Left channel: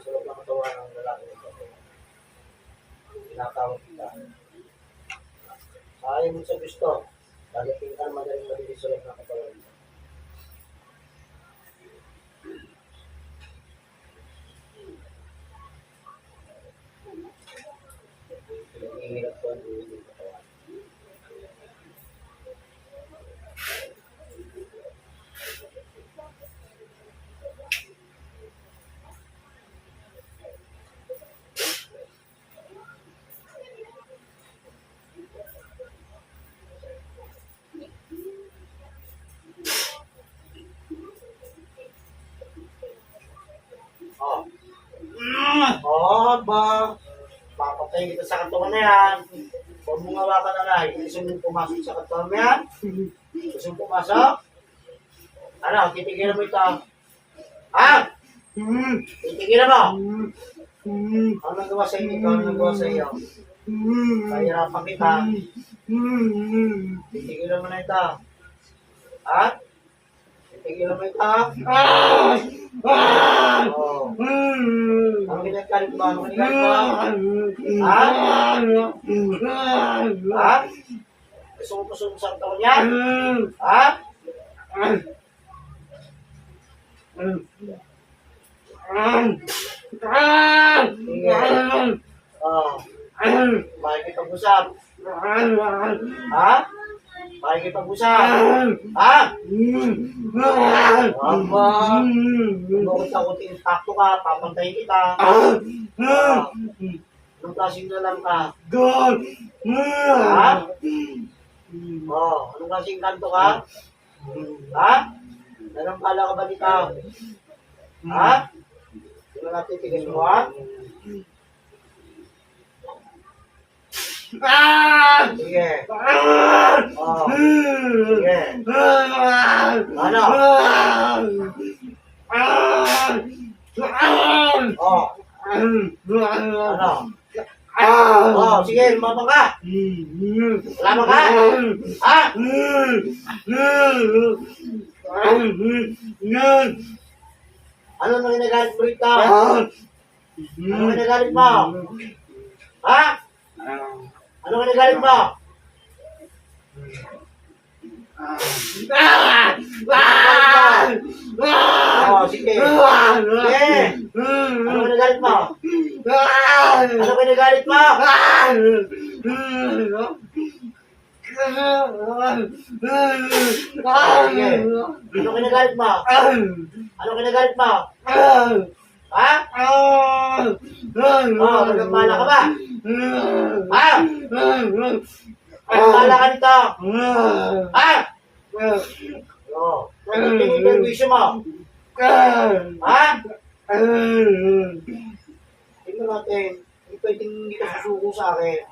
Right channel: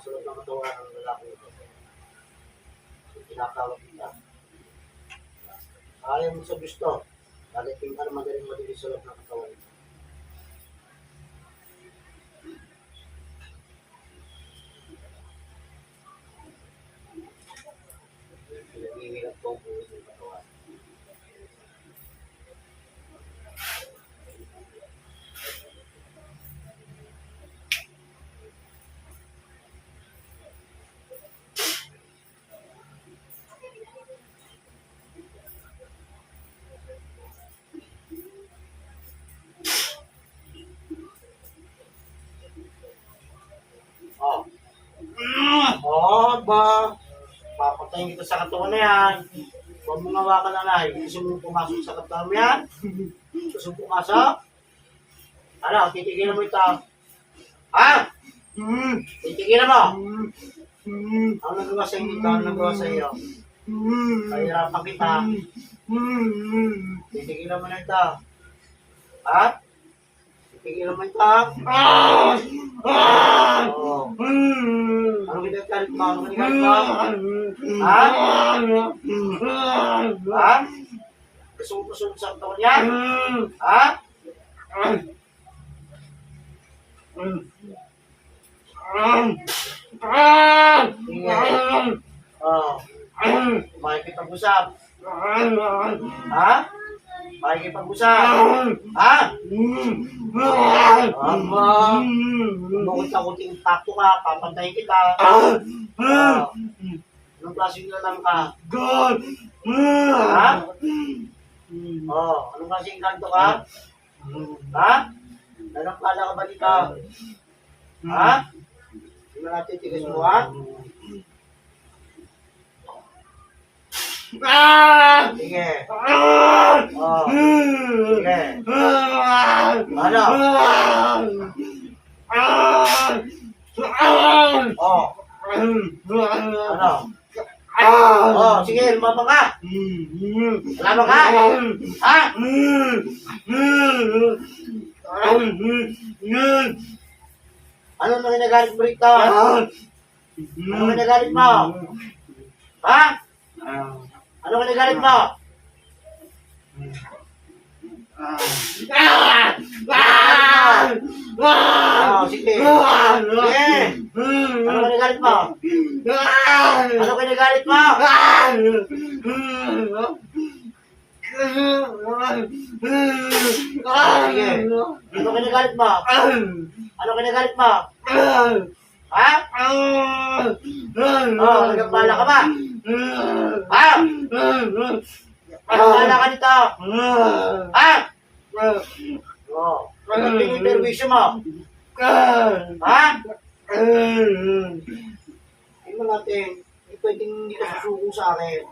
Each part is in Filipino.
sa loob ng katawan ng lalaki ito. Tinatawag kita. Ayaw mo sa gusto. Dadating ka na madaling madilis sa loob ng katawan ito. Pinag-ihirap ko ang buhay ng katawan. Ba? Papatayin kita sa katawan na yan. Huwag mong hawakan na lang. Gusto mong pumasok sa katawan mo yan? Gusto mong pumasok? Ano? Titigilan mo ito. Ha? Titigilan mo? Ano nagawa sa inyo ito? Ano nagawa sa iyo? Kahirapan kita. Titigilan mo na ito. Ha? Titigilan mo ito. Oh. Ano ginagalit mo? Ano ginagalit mo? Ha? Ha? Gusto mo puso sa katawan yan? Ha? Sige. Oh. Makikipag-usap. Ha? Makikipag-usap. Ha? Aba. Bukod-takuting takto ka, papantayin kita. Anong klaseng lalang ka? Ha? Anong klaseng kanto ka? Ha? Nanampala ka ba dito? Ha? Hindi mo natitigas mo, ha? Sige. Sige. Ano? Ano? Sige, lumabang ka. Lumabang ka? Ha? Ano na ginagalit mo rito? Ano ginagalit mo? Ha? Ano ginagalit mo? Sige. Sige. Ano ginagalit mo? Ano ginagalit mo? Sige. Ano ginagalit mo? Ano ginagalit mo? Ha? Nagpala ka ba? Ha? Nagpala ka nito? Ha? Ano yung interview mo? Ha? Tingnan natin. Hindi pwedeng hindi ka susuko sa akin.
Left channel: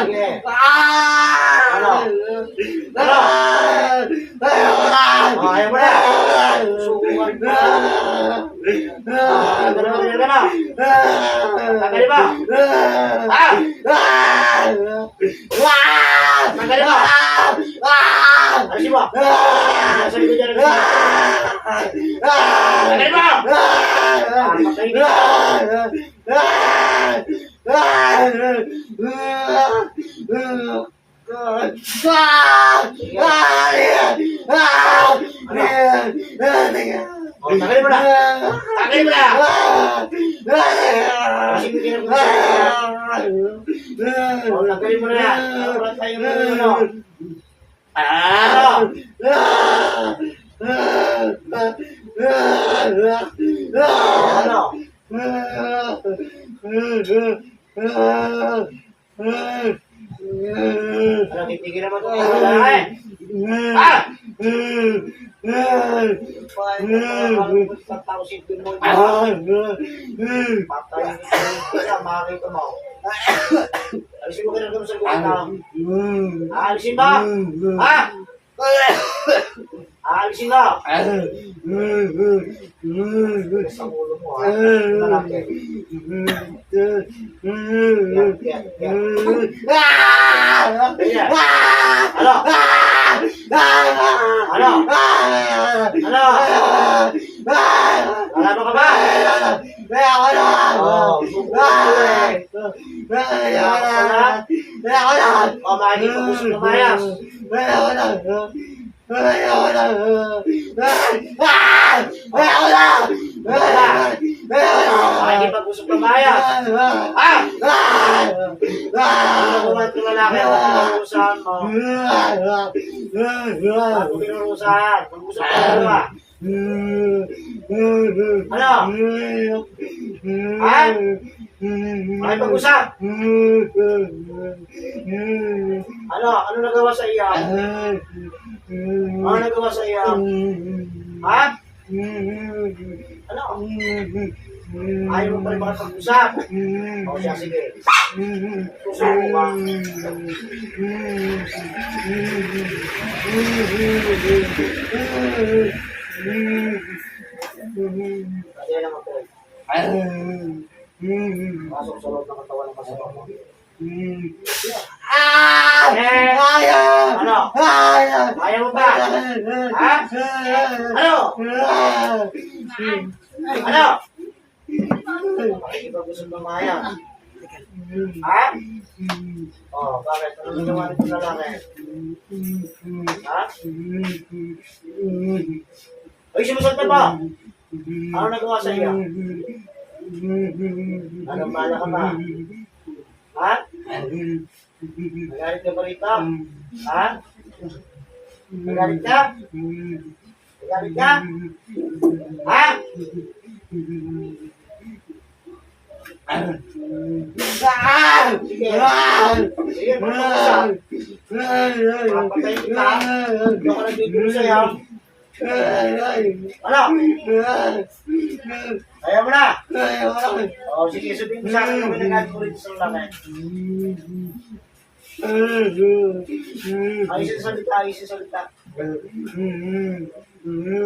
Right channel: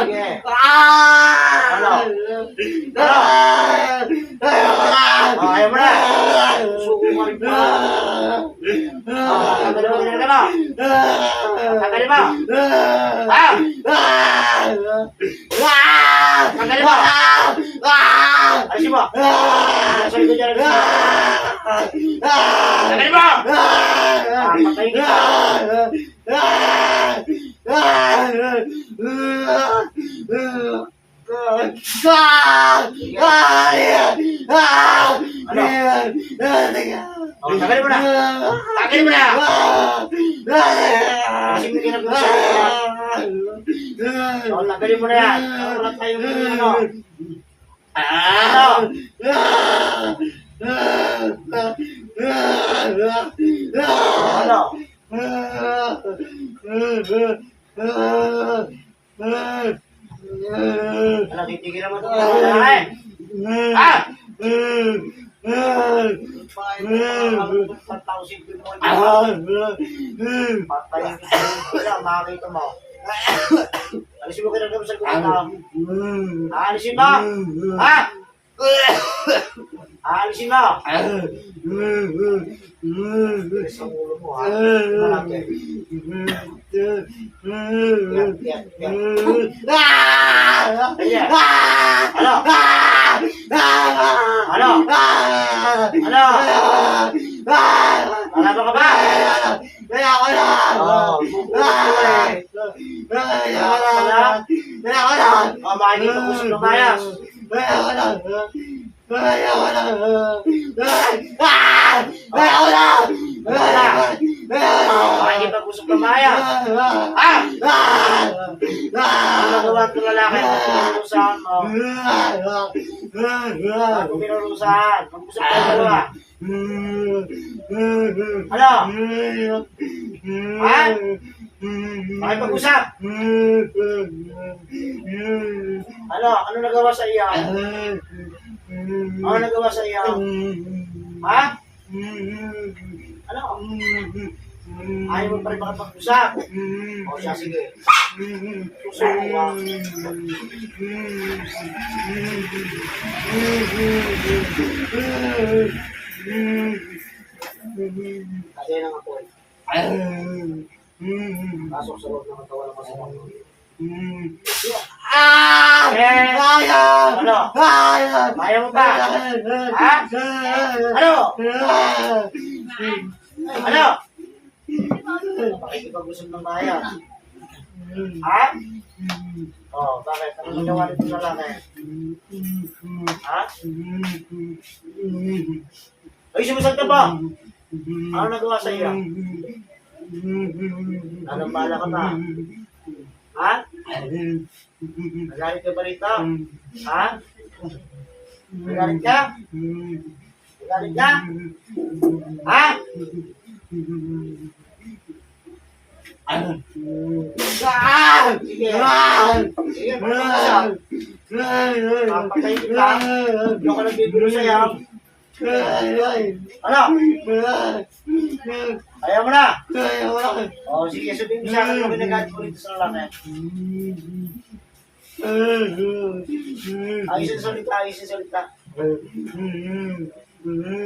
Sige. Ano? Ano? Ayaw mo na. Susuko ka rin po. Tagalin mo. Tagalin mo. Ha? Tagalin mo. Alisin mo. Alisin ko dyan. Tagalin mo. Patayin kita. Tagalin mo na. Tagalin mo na. Kasi may ginagawa sa akin. Tagalin mo na yan. Wala tayong ano. Ano? Ano, titigil naman ito. Ha? Pagtausin ko mo. Patayin ko sa'yo. Makakita mo. Alisin mo kinagam sa kuwata. Alisin mo. Ha? Alisin mo. Bilis ang ulo mo, ha? Malapit. Yan. Ano? Ano? Ano? Makikipag-usap ng mayas. Makikipag-usap ng mayas. Ano nagawa ito lalaki? Pinurusahan mo. Ano pinurusahan? Mag-usap ka dalawa. Ano? Ha? Makipag-usap? Ano? Ano nagawa sa iyo? Ano nagawa sa iyo? Ha? Ano? Ayaw mo pa rin makapag-usap? O siya, sige. Susuko ka. Kasi lang ako eh. Pasok sa loob ng katawan ng kasama mo. Ano? Ayaw mo ba? Ha? Ano? Ano? Makikipag-usap ng maya. Ha? Oh, bakit? Ano nagawa nito na lang eh? Ha? Ay, simusot ka ba? Ano nagawa sa iyo? Anong bala ka ba? Ha? Nagalit ka ba rito? Ha? Nagalit ka? Nagalit ka? Ha? Sige. Sige, mag-usap. Papatay kita. Hindi ako nagbibiro sa'yo. Ano? Ayaw mo na? O, sige, sabihin mo sa akin kung nagalit mo rito sa lalaki. Ayos yung salita, ayos yung salita.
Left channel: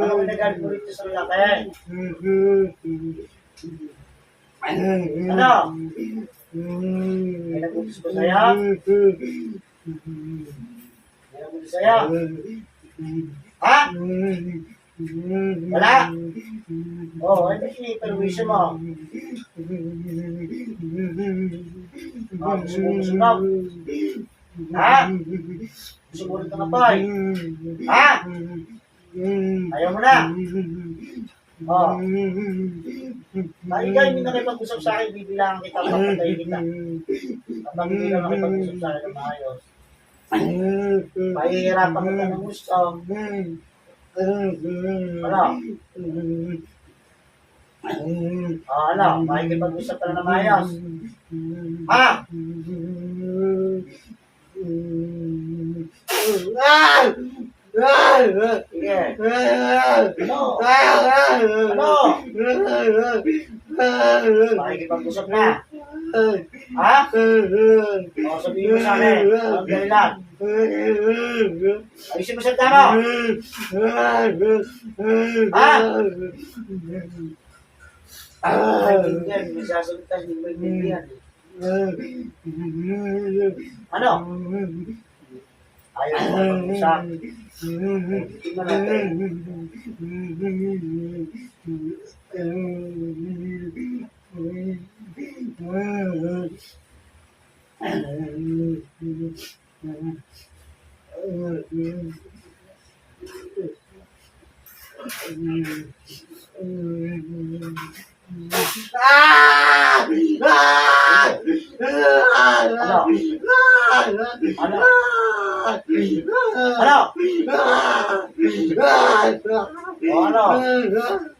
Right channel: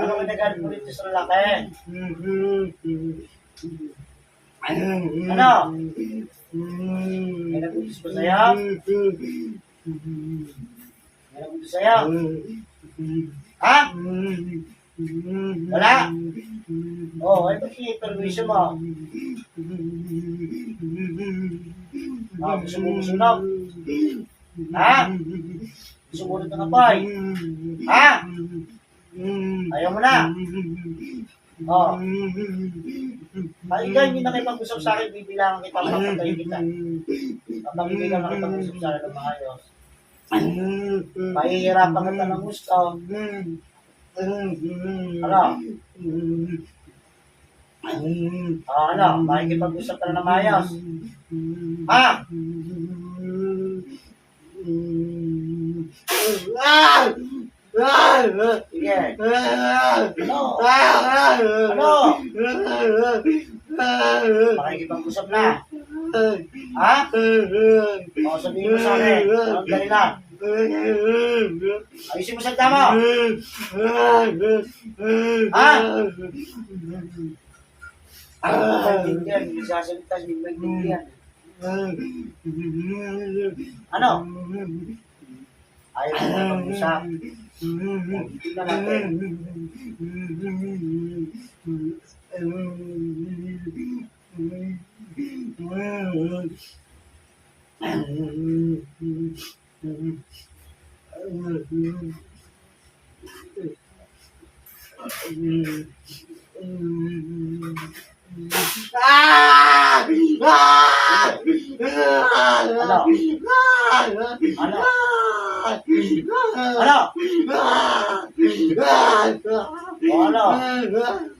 Ano kung nagalit mo rito sa lalaki? Ano? May nagutos ba sa'yo? May nagutos sa'yo? Ha? Wala? Oo, ay ba't i-permission mo? Gusto mo musunod? Ha? Sumunod ka na po eh. Ha? Ayaw mo na? Oo. Ikaw hindi nakipag-usap sa akin, bibilangan kita, papatay kita. Kapag hindi ka nakipag-usap sa akin na maayos. Pahihirapan kita ng gusto. Ano? Ano? Makikipag-usap ka na ng maayos. Ha? Sige. Ano? Ano? Makikipag-usap na. Ha? O, sabihin mo sa akin. Anong dahilan? Ayusin mo sa tama. Ha? Maintindihan. Hindi sasalita. Hindi maintindihan. Ano? Ayaw mo mag-usap. Tingnan natin. Ano? Ano? O ano?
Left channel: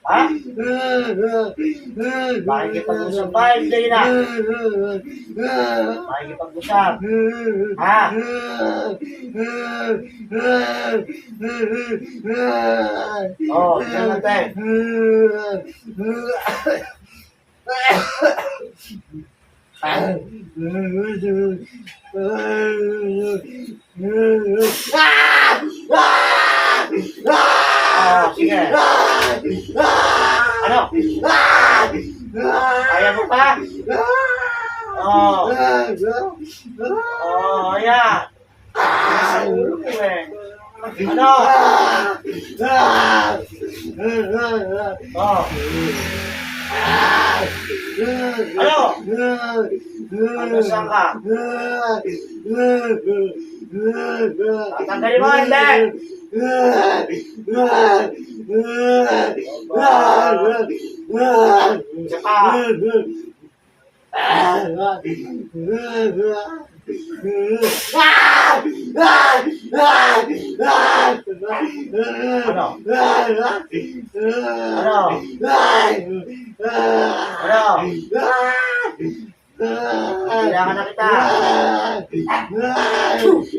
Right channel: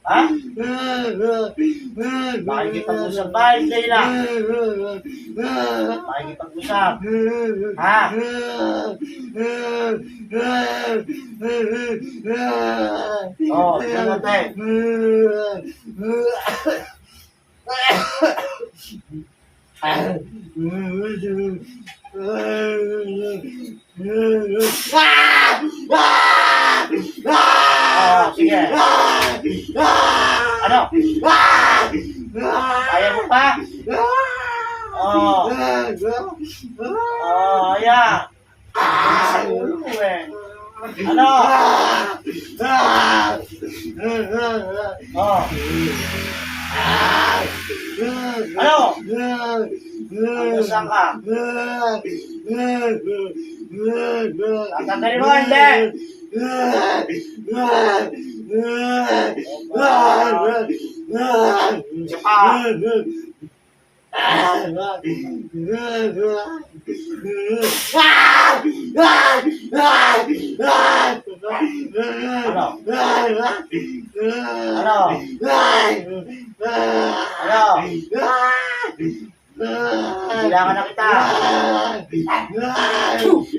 Ha? Makikipag-usap ba? Hindi na. Makikipag-usap. Ha? O, tingnan natin. Sige. Ano? Kaya mo pa? Ayan. Sa ulo mo eh. Ano? Ano? Ano saan ka? Tatanggalin mo, hindi! Isa pa. Ano? Ano? Ano? Kailangan na kita. Chocolate.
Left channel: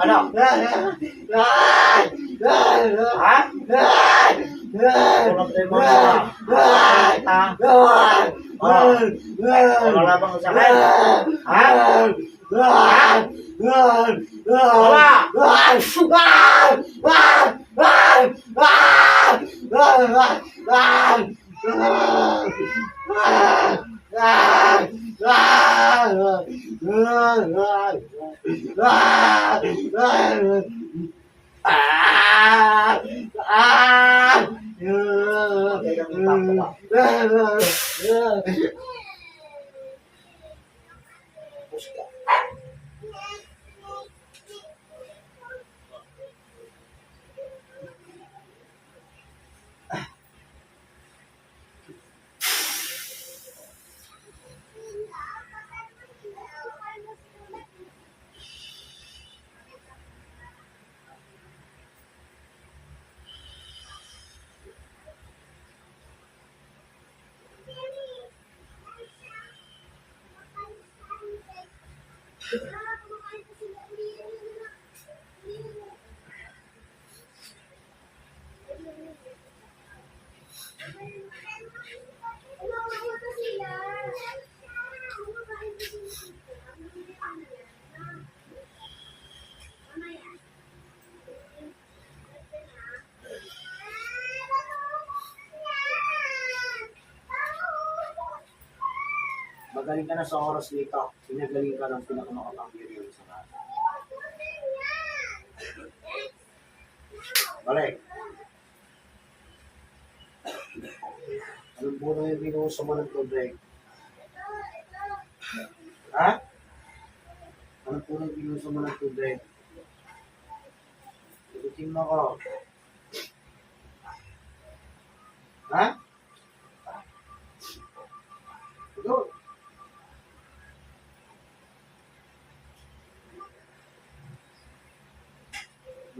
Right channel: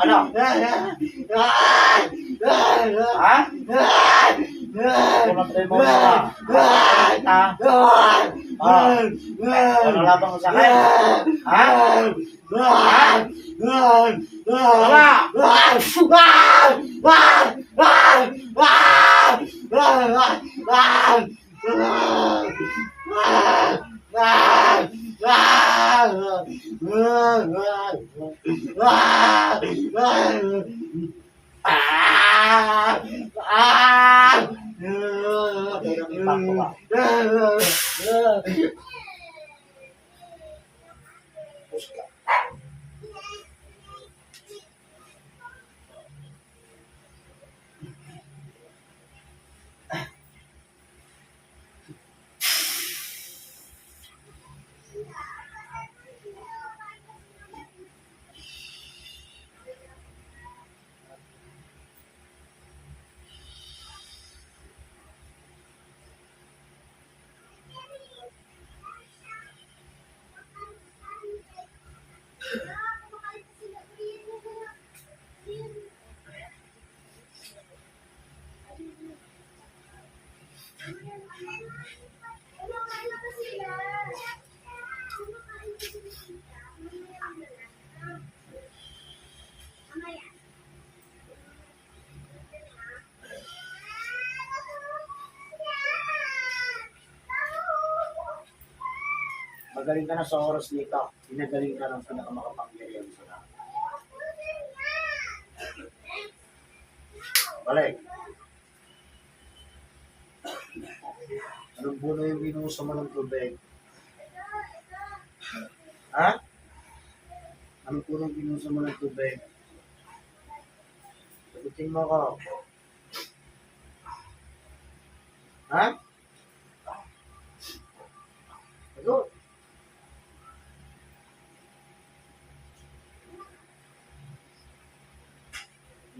Ano? Ha? Chocolate mo na. Kita. Ano? Ano labang sakit? Ha? Magaling ka na sa oras nito. Pinagaling ka ng pinakamakapangyarihan sa lahat. Balik. Anong buno yung binuhusan mo ng tubig? Ha? Anong buno yung binuhusan mo ng tubig? Sagutin mo ko. Ha? Sagot.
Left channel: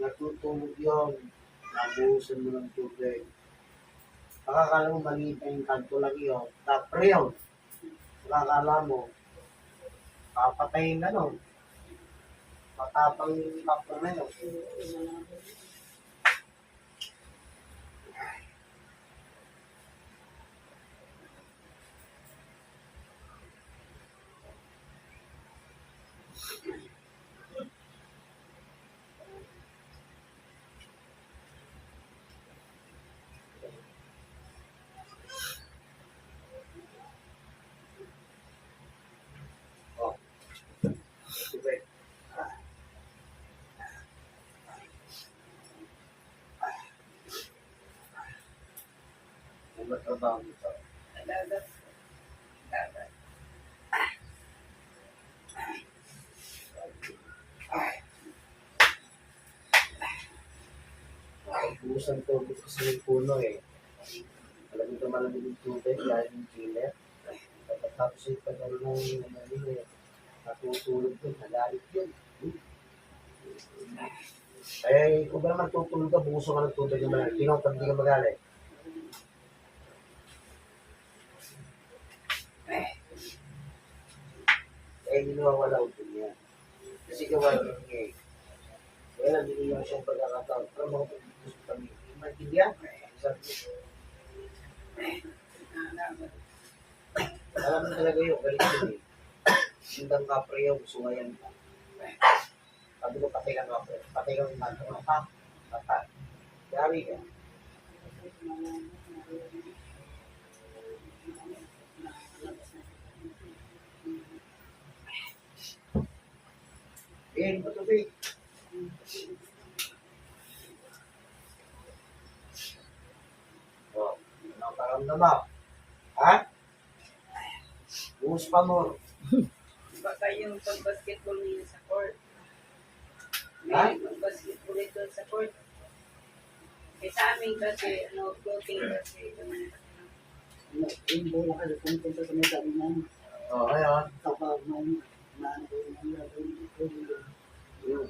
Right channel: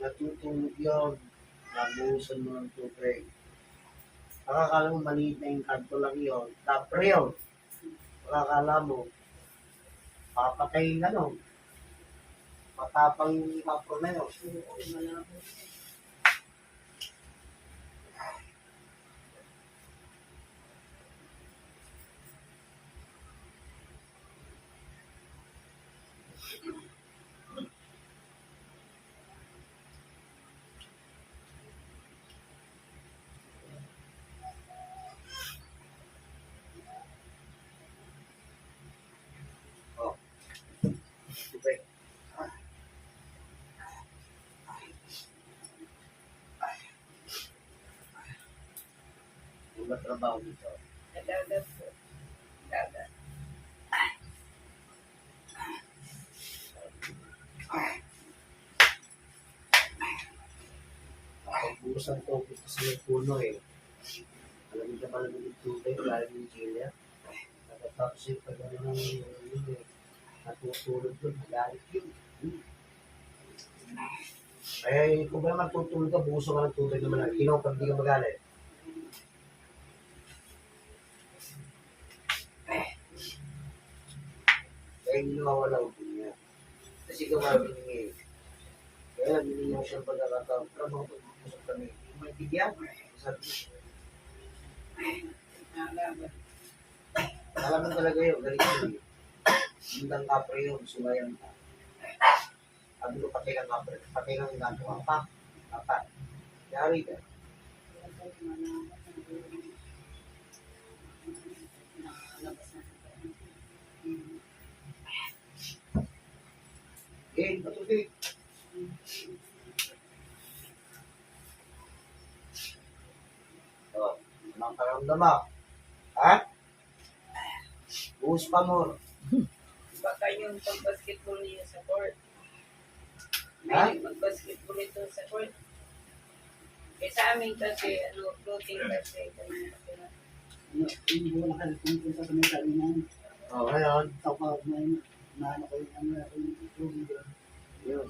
Natutulog yun. Nabuhusan mo ng tubig. Pakakala mo maliit na yung kanto lang yun. Tapre yun. Pakakala mo. Papatayin ka no. Matapang yung kapro na yun. Oh. Tubig. Ang matrabaho dito. Nagagat po. Gagat. Buhusan tubig kasi yung puno eh. Malamig na malamig yung tubig dahil yung chiller. Tapos yung pag ano eh, natutulog doon, nagalit yun. Kaya kung ba naman tutulog ka, buhusan ka ng tubig naman lang. Pag di ka magalit. Kaya hindi nawawala ang niya. Kasi gawa rin niya eh. Kaya lang, binigyan siya ng pagkakataon. Pero mga pag-usap kami, hindi maintindihan. Sabi ko, Nalaman. alam mo talaga yun, galit yun eh. Hindang kapre yun, sumayan ka. Sabi ko, patay kang kapre. Patay kang inganto ka. Pa, patay. Yari ka. Pagkain pa tubig. Oh, anong pakiramdam mo? Ha? Buhos pa mo. Baka yung pag-basketball niya sa court. Ha? May mag-basketball ito sa court. Eh sa amin kasi, floating kasi. Yung bola ka, pumunta sa may sabi niyan. Oh, ngayon. Ikaw pa, maano ko yun, ang Yun.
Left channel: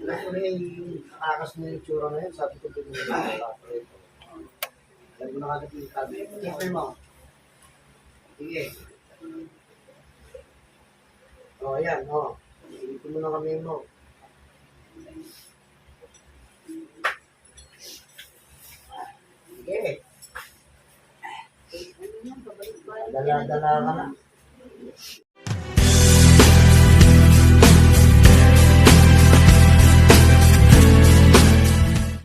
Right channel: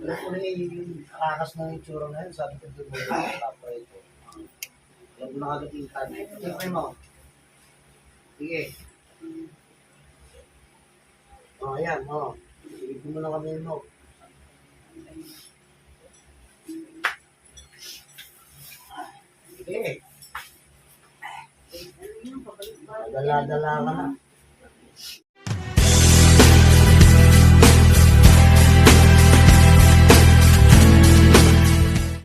Alam ko na yung nakakas na yung tsura na yun. Sabi ko din mo yung wala pa ito. Alam mo na kagad yung tabi. Tingnan mo. Sige. Oh, ayan. Oh. Ilipin mo na kami mo. Sige. Ano yun, pabalik-balik. Dala-dala ka na.